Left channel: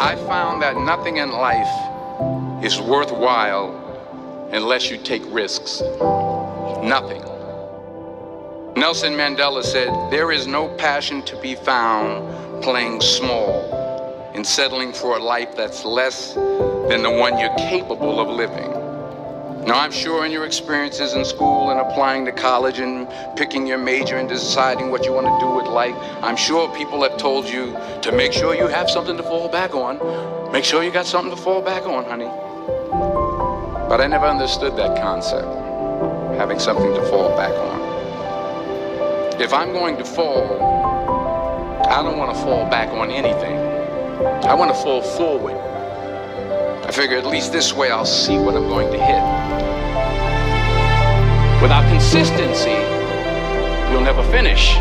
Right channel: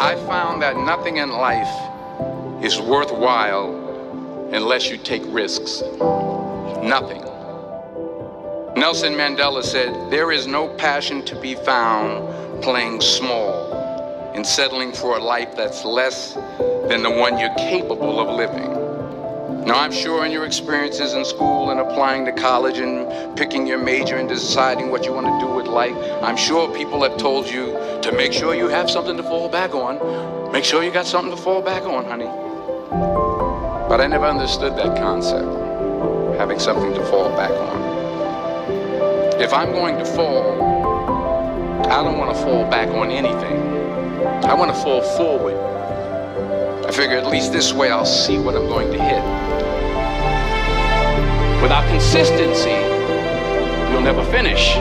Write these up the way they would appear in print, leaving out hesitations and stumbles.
I found that nothing in life is worthwhile unless you take risks. Nothing. Nelson Mandela said, "There is no passion to be found playing small and settling for a life that's less than the one you're capable of living." Now, I'm sure in your experiences in school and applying to college and picking your major and deciding what you want to do with life, I'm sure people have told you to make sure you have something to fall back on. Make sure you got something to fall back on, honey. But I never understood that concept, having something to fall back on. If I'm going to fall, I don't want to fall back on anything. I want to fall forward. I figure at least this way I'll see what I'm going to hit. Without consistency, you'll never finish.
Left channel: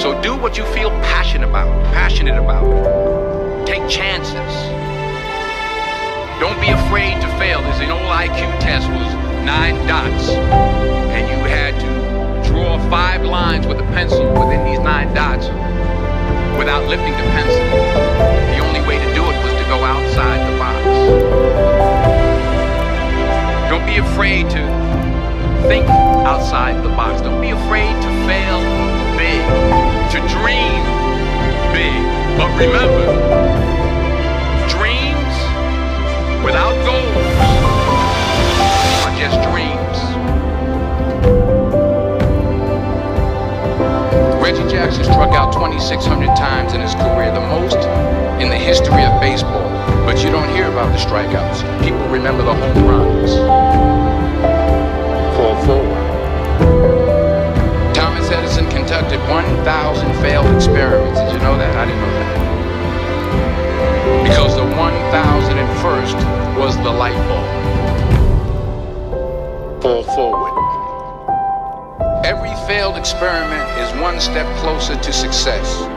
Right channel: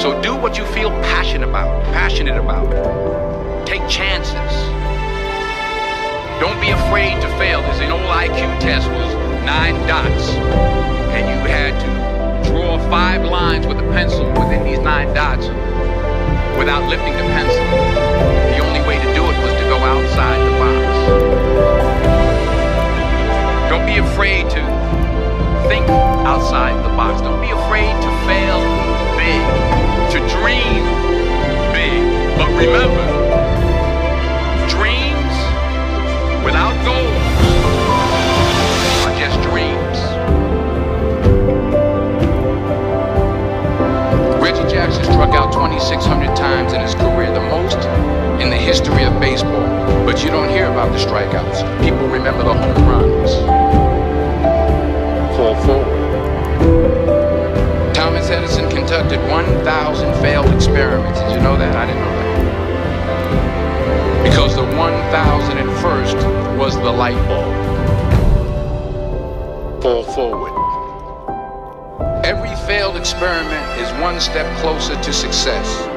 So do what you feel passionate about. Take chances. Don't be afraid to fail. There's an old IQ test was 9 dots, and you had to draw 5 lines with a pencil within these 9 dots without lifting the pencil. The only way to do it was to go outside the box. Don't be afraid to think outside the box. Don't be afraid to fail big, to dream big. But remember, dreams without goals are just dreams. Reggie Jackson struck out 2,600 times in his career, the most in the history of baseball. But you don't hear about the strikeouts. People remember the home runs. Fall forward. Thomas Edison conducted 1,000 failed experiments. Did you know that? I didn't know that. Because the 1,001st was the light bulb. Fall forward. Every failed experiment is one step closer to success.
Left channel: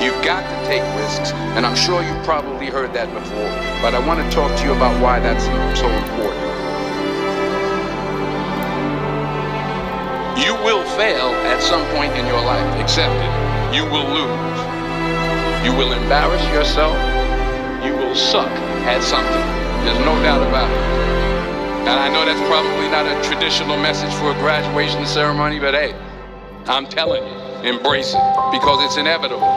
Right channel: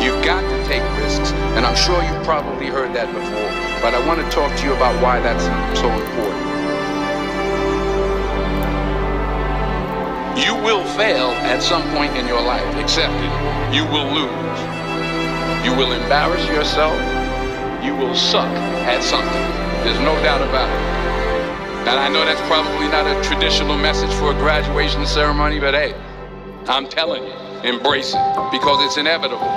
You've got to take risks, and I'm sure you've probably heard that before, but I want to talk to you about why that's so important. You will fail at some point in your life. Accept it. You will lose. You will embarrass yourself. You will suck at something. There's no doubt about it. And I know that's probably not a traditional message for a graduation ceremony, but hey, I'm telling you, embrace it, because it's inevitable.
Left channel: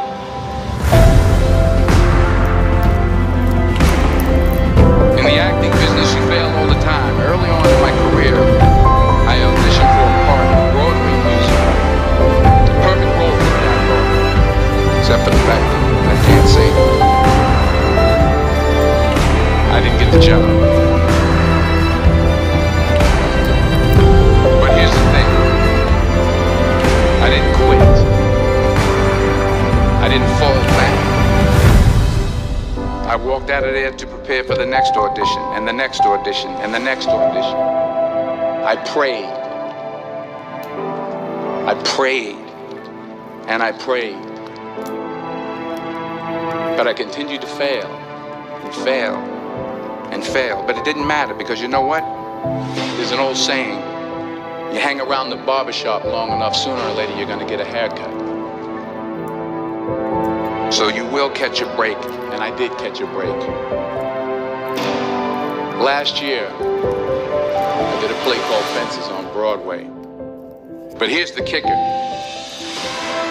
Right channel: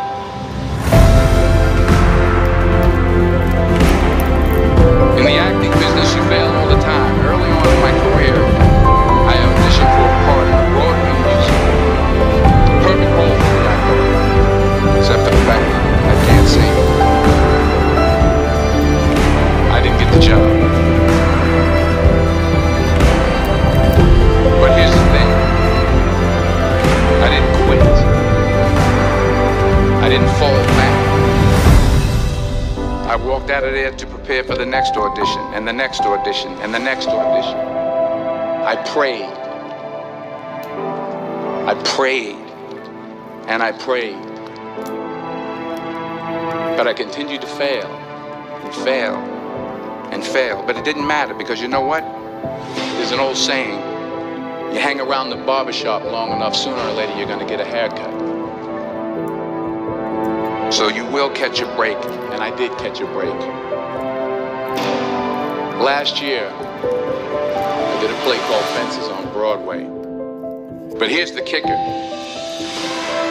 In the acting business, you fail all the time. Early on in my career, I auditioned for a part in a Broadway musical. Perfect role for me, I thought, except for the fact that I can't sing. I didn't get the job. But here's the thing. I didn't quit. I didn't fall back. I walked out of there to prepare for the next audition, and the next audition, and the next audition. I prayed. I prayed. And I prayed. But I continued to fail, and fail, and fail. But it didn't matter, because you know what? There's an old saying. You hang around the barbershop long enough, sooner or later you're going to get a haircut. So you will catch a break, and I did catch a break. Last year, I did a play called Fences on Broadway. But here's the kicker.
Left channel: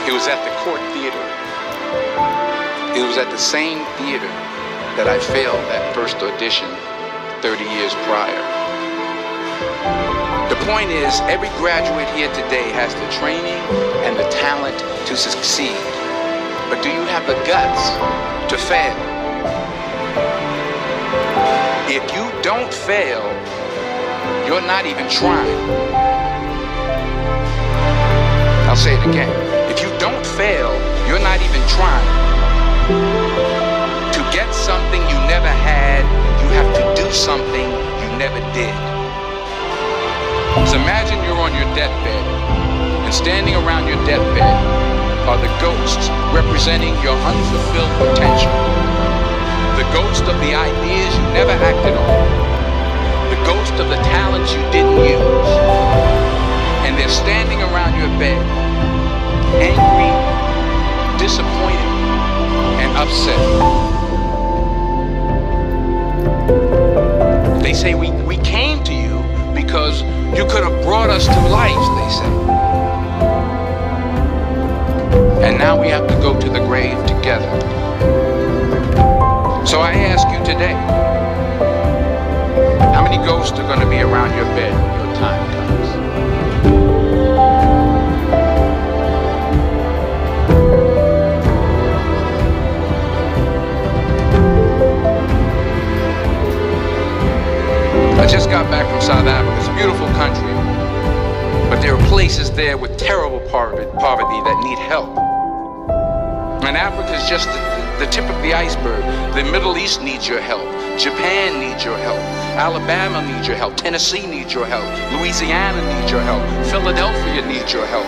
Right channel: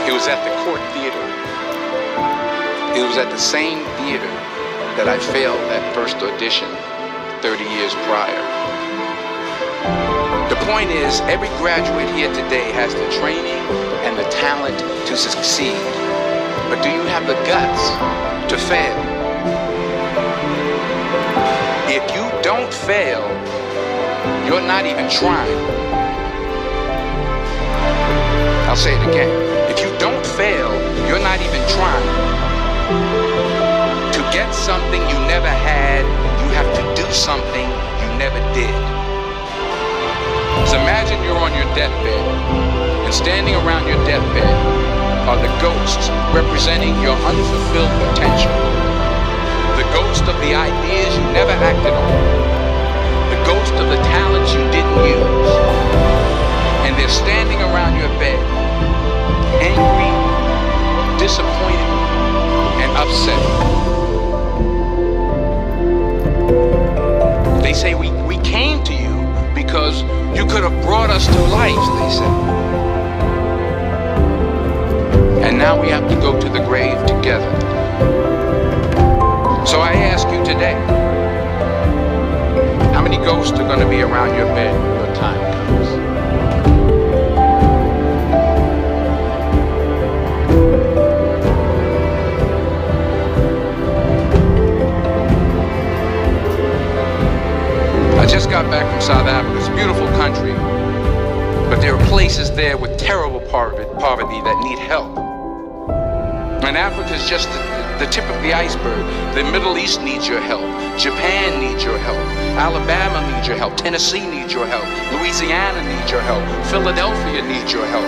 It was at the Court Theater. It was at the same theater that I failed that first audition 30 years prior. The point is, every graduate here today has the training and the talent to succeed. But do you have the guts to fail? If you don't fail, you're not even trying. I'll say it again. If you don't fail, you're not even trying. To get something you never had, you have to do something you never did. So imagine you're on your deathbed, and standing around your deathbed are the ghosts representing your unfulfilled potential. The ghost of the ideas you never acted on. The ghost of the talents you didn't use. And they're standing around your bed, angry, disappointed, upset. They say we came to you because you could have brought us to life, they say. And now we have to go to the grave together. So I ask you today, how many ghosts are going to be around your bed when your time comes? I just got back from South Africa. It's a beautiful country, but there are places there with terrible poverty that need help. And Africa is just the tip of the iceberg. The Middle East needs your help. Japan needs your help. Alabama needs your help. Tennessee needs your help. Louisiana needs your help. Philadelphia needs your help.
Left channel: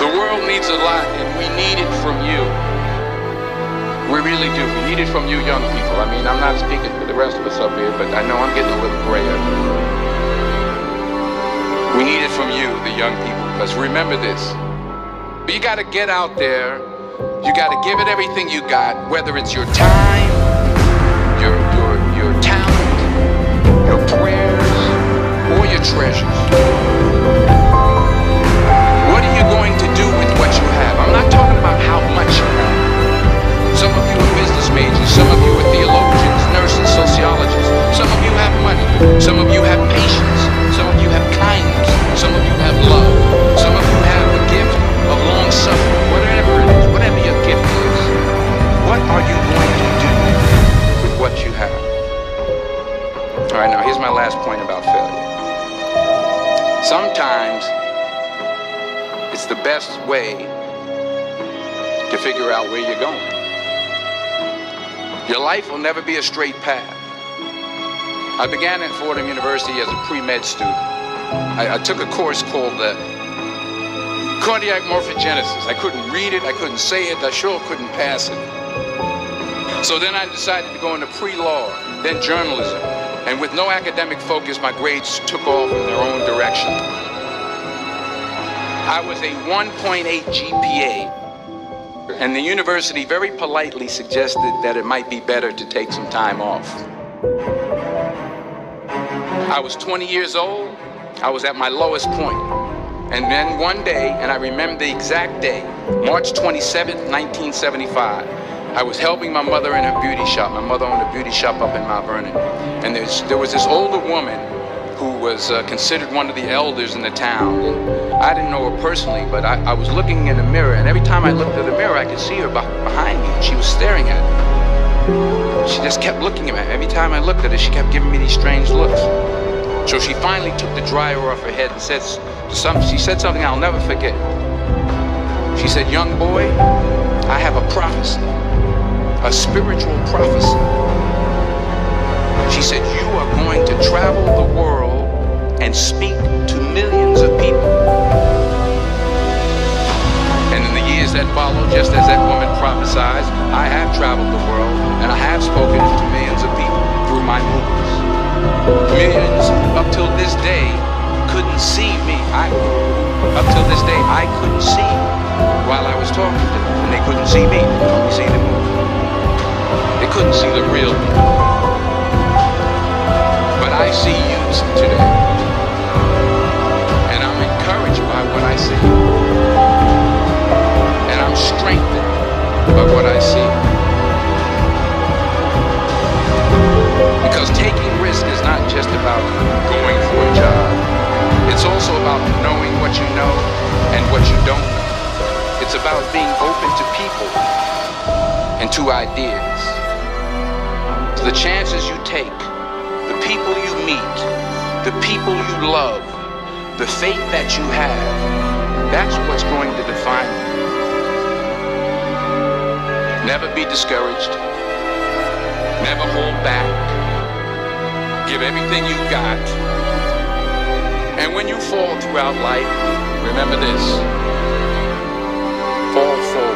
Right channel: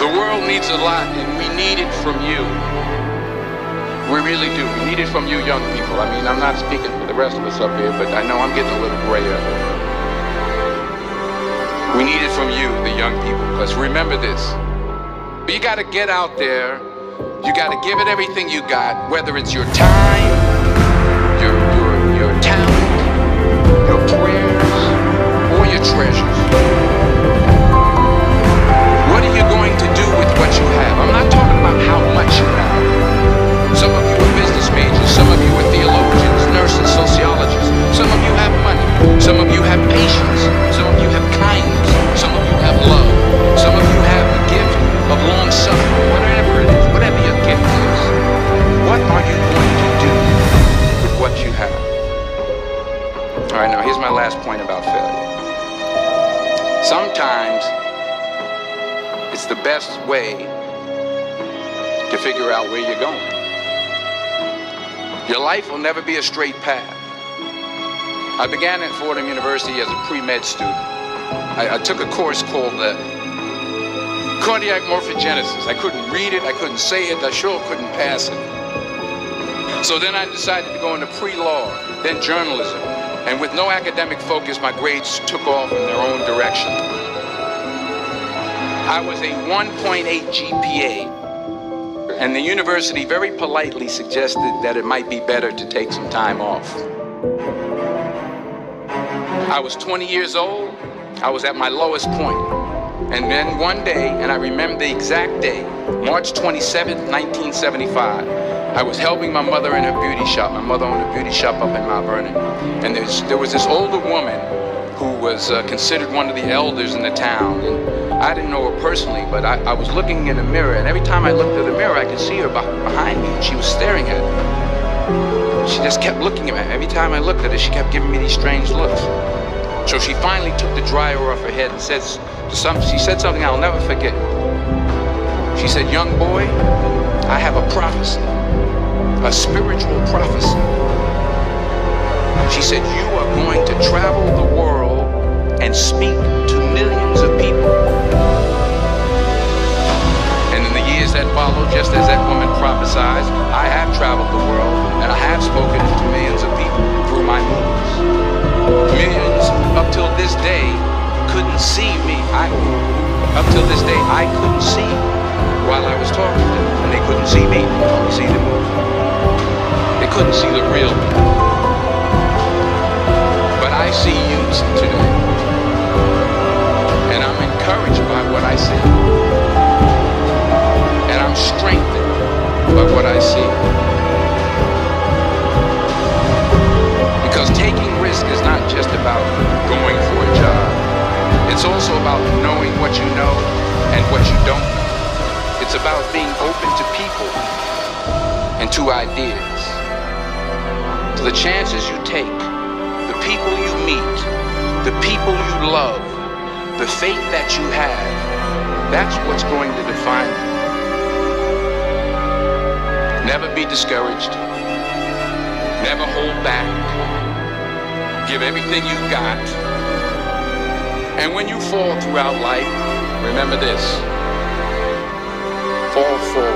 The world needs a lot, and we need it from you. We really do. We need it from you young people. I mean, I'm not speaking for the rest of us up here, but I know I'm getting a little grayer. We need it from you, the young people, because remember this. You got to get out there. You got to give it everything you got, whether it's your time, your talent, your prayers, or your treasures. What are you going to do with what you have? I'm not talking about how much you have. Some of you are business majors, some of you are theologians, nurses, sociologists. Some of you have money, some of you have patience, some of you have kindness, some of you have love, some of you have the gift of long suffering, whatever it is, whatever your gift is. What are you going to do with what you have? All right, now here's my last point about failure. Sometimes it's the best way to figure out where you're going. Your life will never be a straight path. I began at Fordham University as a pre-med student. I took a course called cardiac morphogenesis. I couldn't read it, I couldn't say it, I sure couldn't pass it. So then I decided to go into pre-law, then journalism. And with no academic focus, my grades took off in their own direction. I was a 1.8 GPA. And the university very politely suggested that it might be better to take some time off. I was 20 years old. I was at my lowest point. And then one day, and I remember the exact day, March 27th, 1975, I was helping my mother in her beauty shop. My mother owned a beauty shop up in Mount Vernon. And there was this older woman who was considered one of the elders in the town. And I didn't know her personally, but I was looking in the mirror, and every time I looked at the mirror, I could see her behind me, and she was staring at me. She just kept looking at me. Every time I looked at her, she kept giving me these strange looks. So she finally took the dryer off her head and she said something I'll never forget. She said, "Young boy, I have a prophecy, a spiritual prophecy." She said, "You are going to travel the world and speak to millions of people." And in the years that followed, just as that woman prophesied, I have traveled the world and I have spoken to millions of people through my movies. Millions up till this day couldn't see me. Up till this day, I couldn't see while I was talking to them, and they couldn't see me. They could only see the movie. They couldn't see the real me. But I see you today, and I'm encouraged by what I see, and I'm strengthened by what I see. Because taking risk is not just about going for a job. It's also about knowing what you know and what you don't know. It's about being open to people and to ideas. So the chances you take, the people you meet, the people you love, the faith that you have, that's what's going to define you. Never be discouraged. Never hold back. Give everything you got. And when you fall throughout life, remember this: fall forward.